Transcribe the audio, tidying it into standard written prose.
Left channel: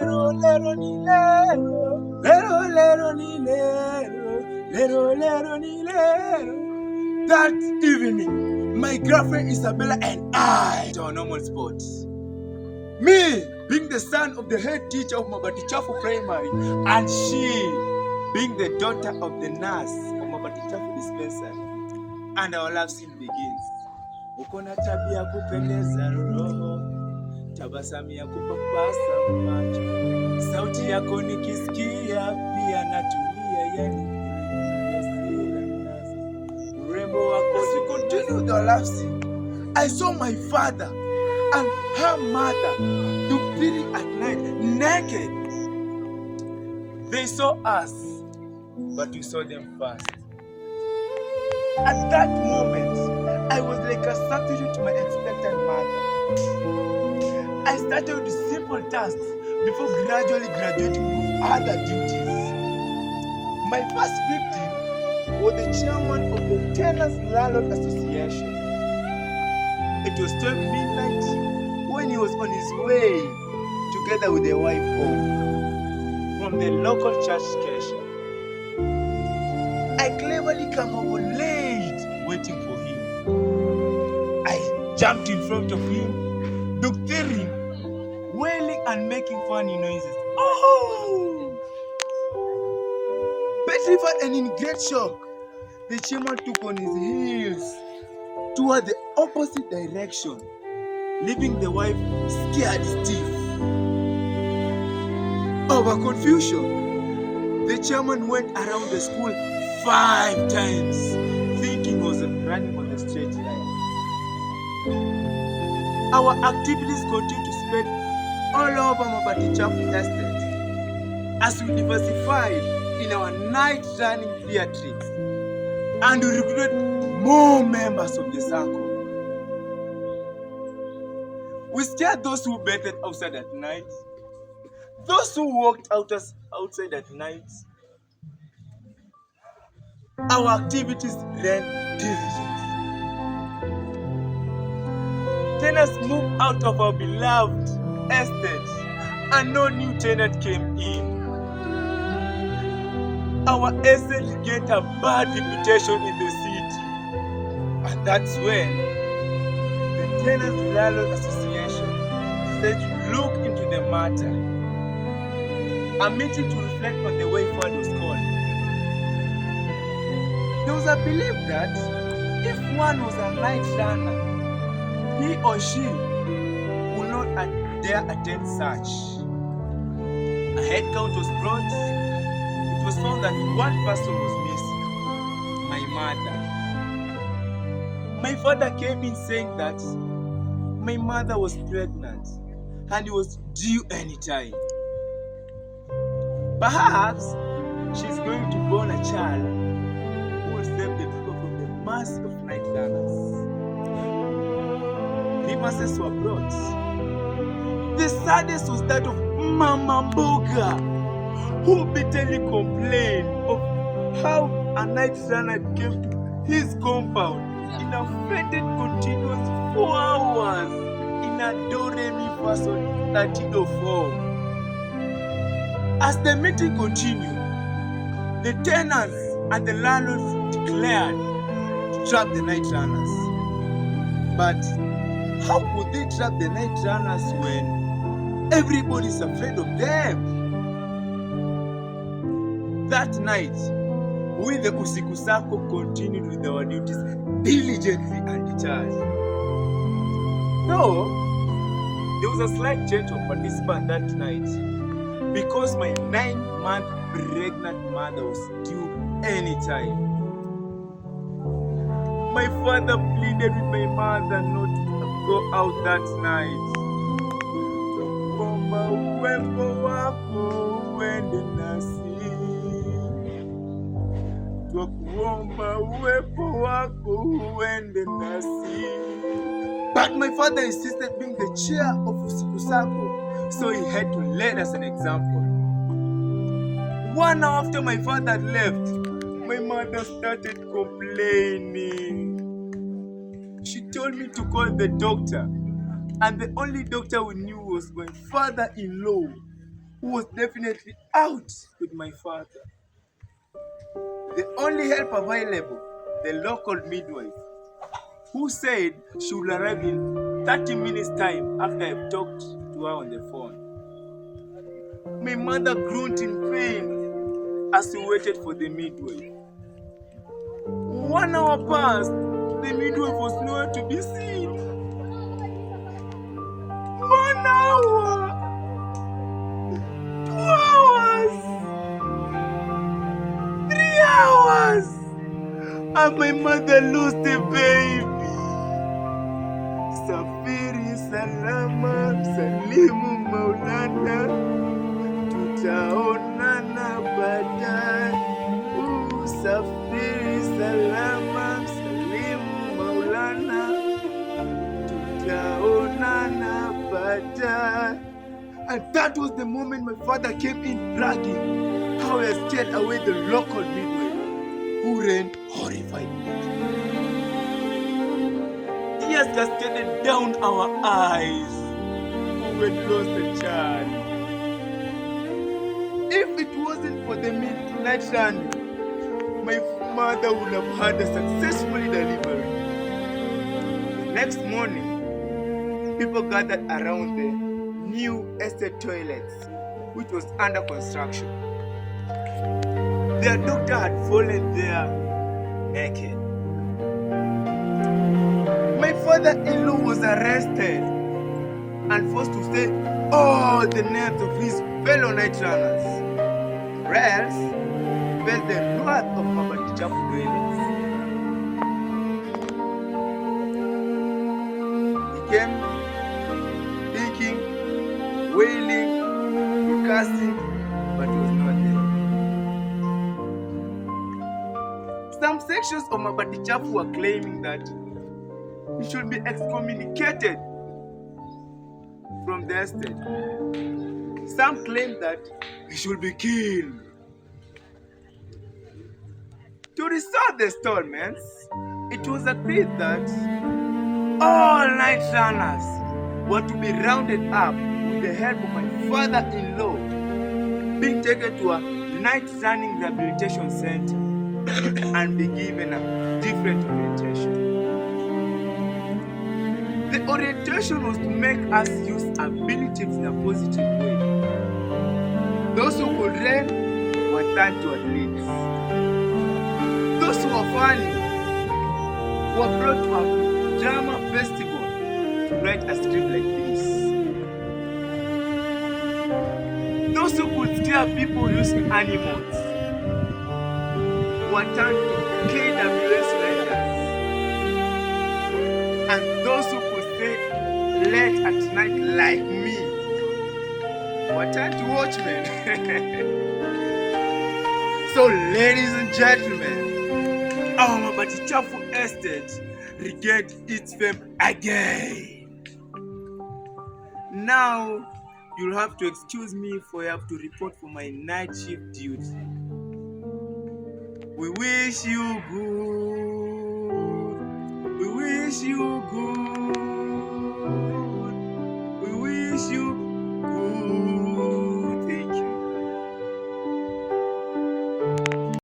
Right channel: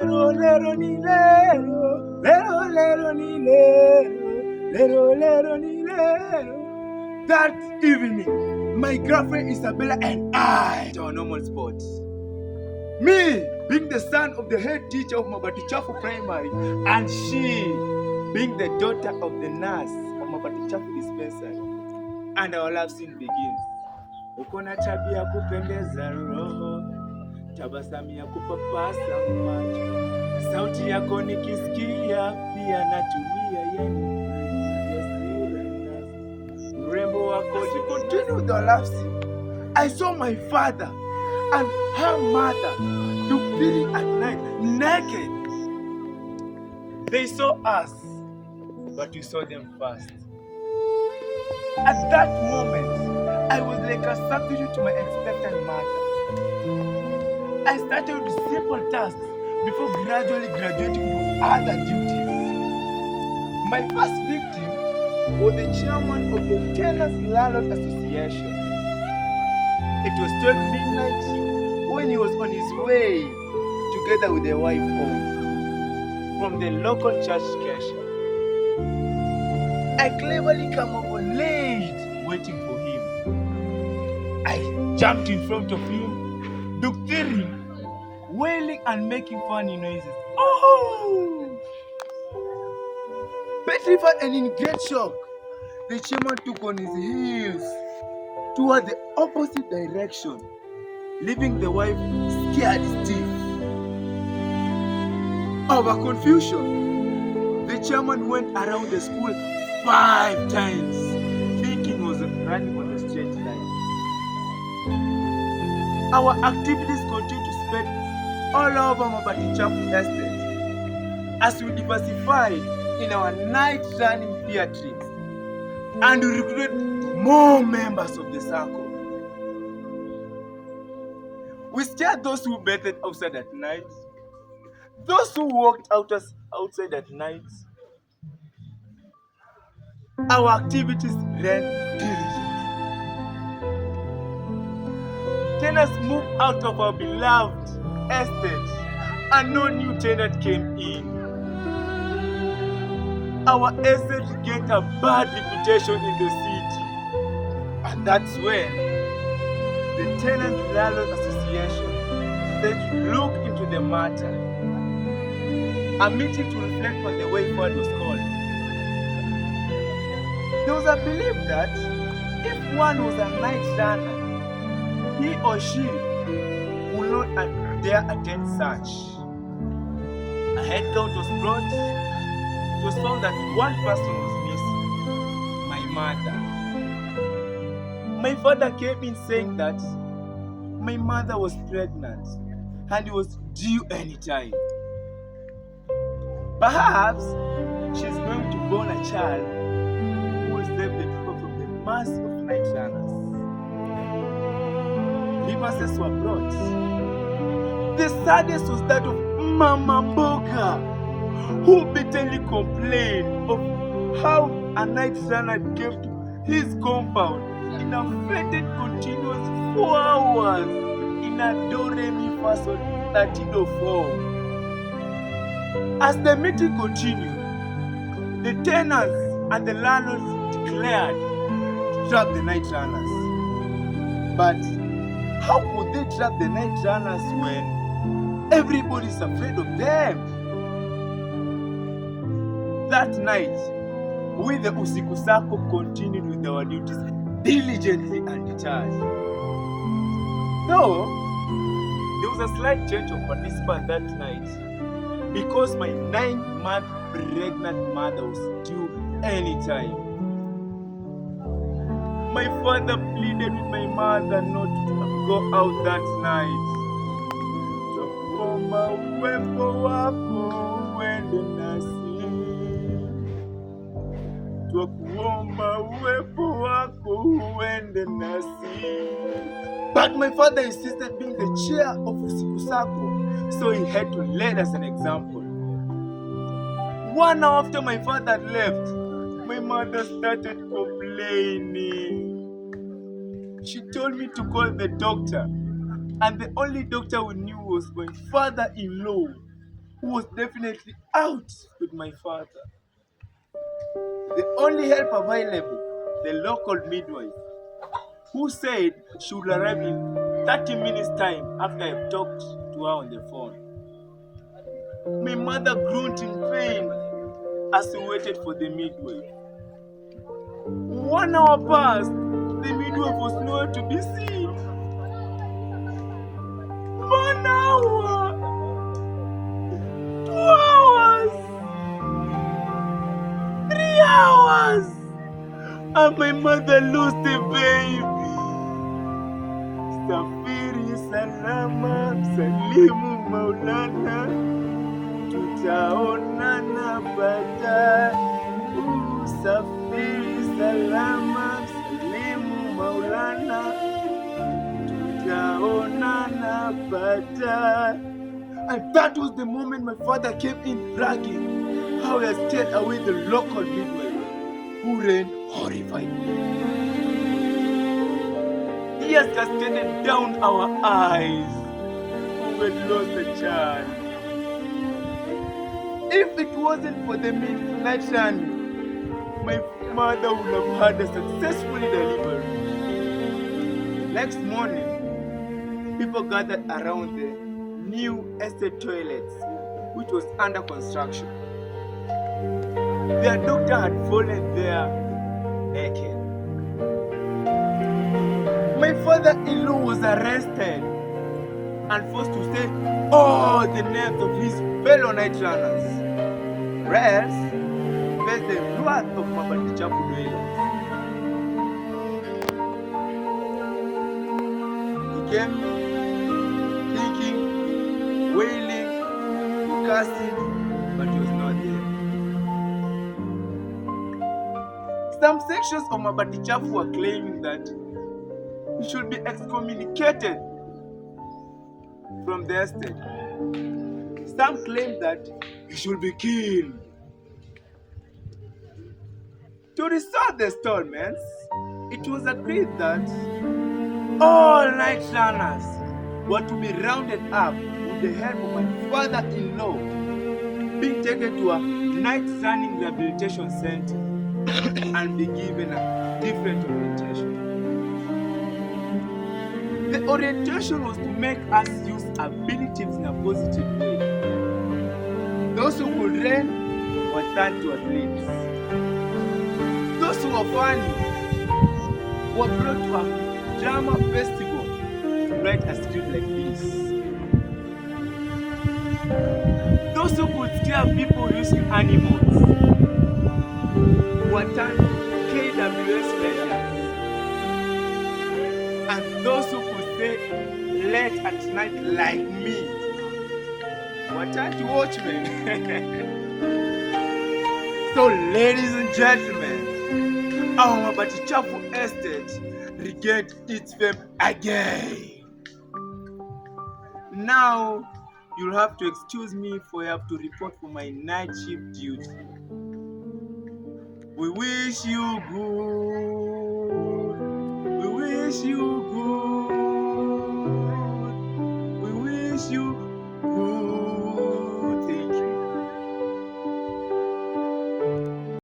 Lero, lero, ni lero, lero, lero, ni lero, lero, lero, ni lero. That evening, my girlfriend Isabella and I to our normal spot. Me being the son of the head teacher of Mabatichafu Primary, and she being the daughter of the nurse of Mabatichafu Dispensary. And our love scene begins. Ukona tabia kupendeza roho, tabasamu ya kupapasa macho, sauti yako nikisikia pia natulia, yani urembo wako. As we continue the love scene, I saw my father and her mother feeling at night naked. They saw us, but we saw them first. At that moment, I was like a substitute to my expectant mother. I started with simple tasks before gradually graduating to other duties. My first victim was the chairman of the Tenants Landlord Association. It was 12 midnight when he was on his way together with their wife home from the local church cashier. I cleverly come over late waiting for him. I jumped in front of him, doctoring, wailing and making funny noises. Oh! Petrified and in great shock, the chairman took on his heels toward the opposite direction, leaving the wife scared stiff. Over confusion, the chairman went around the school 5 times, thinking he was running on the straight line. Our activities continue to spread all over Mabatichafu estate as we diversified in our night running theatrics and we recruited more members of the sacco. We scared those who bathed outside at night, those who walked outside at night. Our activities ran diligently. Tenants moved out of our beloved estate and no new tenant came in. Our estate gained a bad reputation in the city. And that's when the Tenants Landlord Association said to look into the matter. A meeting to reflect on the way forward was called. There was a belief that if one was a night runner, he or she would not dare attend such. A head count was brought. It was found that one person was missing, my mother. My father came in saying that my mother was pregnant and it was due anytime. Perhaps she's going to born a child who will save the people from the mass of night runners. Grievances were brought. The saddest was that of Mama Mboga, who bitterly complained of how a night runner came to his compound in a fated continuous 4 hours in a do-re-mi fa sol latido form. As the meeting continued, the tenants and the landlords declared to trap the night runners. But how could they trap the night runners when everybody is afraid of them? That night, we the Usiku sacco continued with our duties diligently and detached. Though there was a slight change of participant that night because my 9-month pregnant mother was due anytime. My father pleaded with my mother not to go out that night. Twakuomba uwepo wako uende nasi. Twakuomba uwepo wako uende nasi. But my father insisted being the chair of Usiku sacco, so he had to lead us an example. 1 hour after my father had left, my mother started complaining. She told me to call the doctor, and the only doctor we knew was my father-in-law. who was definitely out with my father. The only help available, the local midwife, who said she would arrive in 30 minutes time after I've talked to her on the phone. My mother groaned in pain as we waited for the midwife. 1 hour passed, the midwife was nowhere to be seen. 1 hour, 2 hours, 3 hours, and my mother lost the baby. Safiri salama, salimu Maulana, tutaonana baadaye. Safiri salama, salimu Maulana, tutaonana baadaye. And that was the moment my father came in bragging how he had scared away the local midwife, who ran horrified. Tears cascaded down our eyes. We had lost a child. If it wasn't for the midnight running, my mother would have had a successfully delivered. The next morning, people gathered around the new estate toilets, which was under construction. Their doctor had fallen there naked. My father-in-law was arrested and forced to say all the names of his fellow night runners, or else face the wrath of Mabatichapu dwellers. He came thinking, wailing, cursing, but he was not there. Some sections of Mabatichapu were claiming that he should be excommunicated from the estate. Some claimed that he should be killed. To resolve the installments, it was agreed that all night runners were to be rounded up with the help of my father-in-law, being taken to a night running rehabilitation center and be given a different orientation. The orientation was to make us use abilities in a positive way. Those who could run were turned to athletes. Those who were funny were brought to a drama festival to write a script like this. Those who could scare people using animals were turned to KWS Rangers. And those who could stay late at night like me were turned to watchmen. So, ladies and gentlemen, our Mabatichapu estate regained its fame again. Now, you'll have to excuse me for I have to report for my night shift duty. We wish you good. We wish you good. We wish you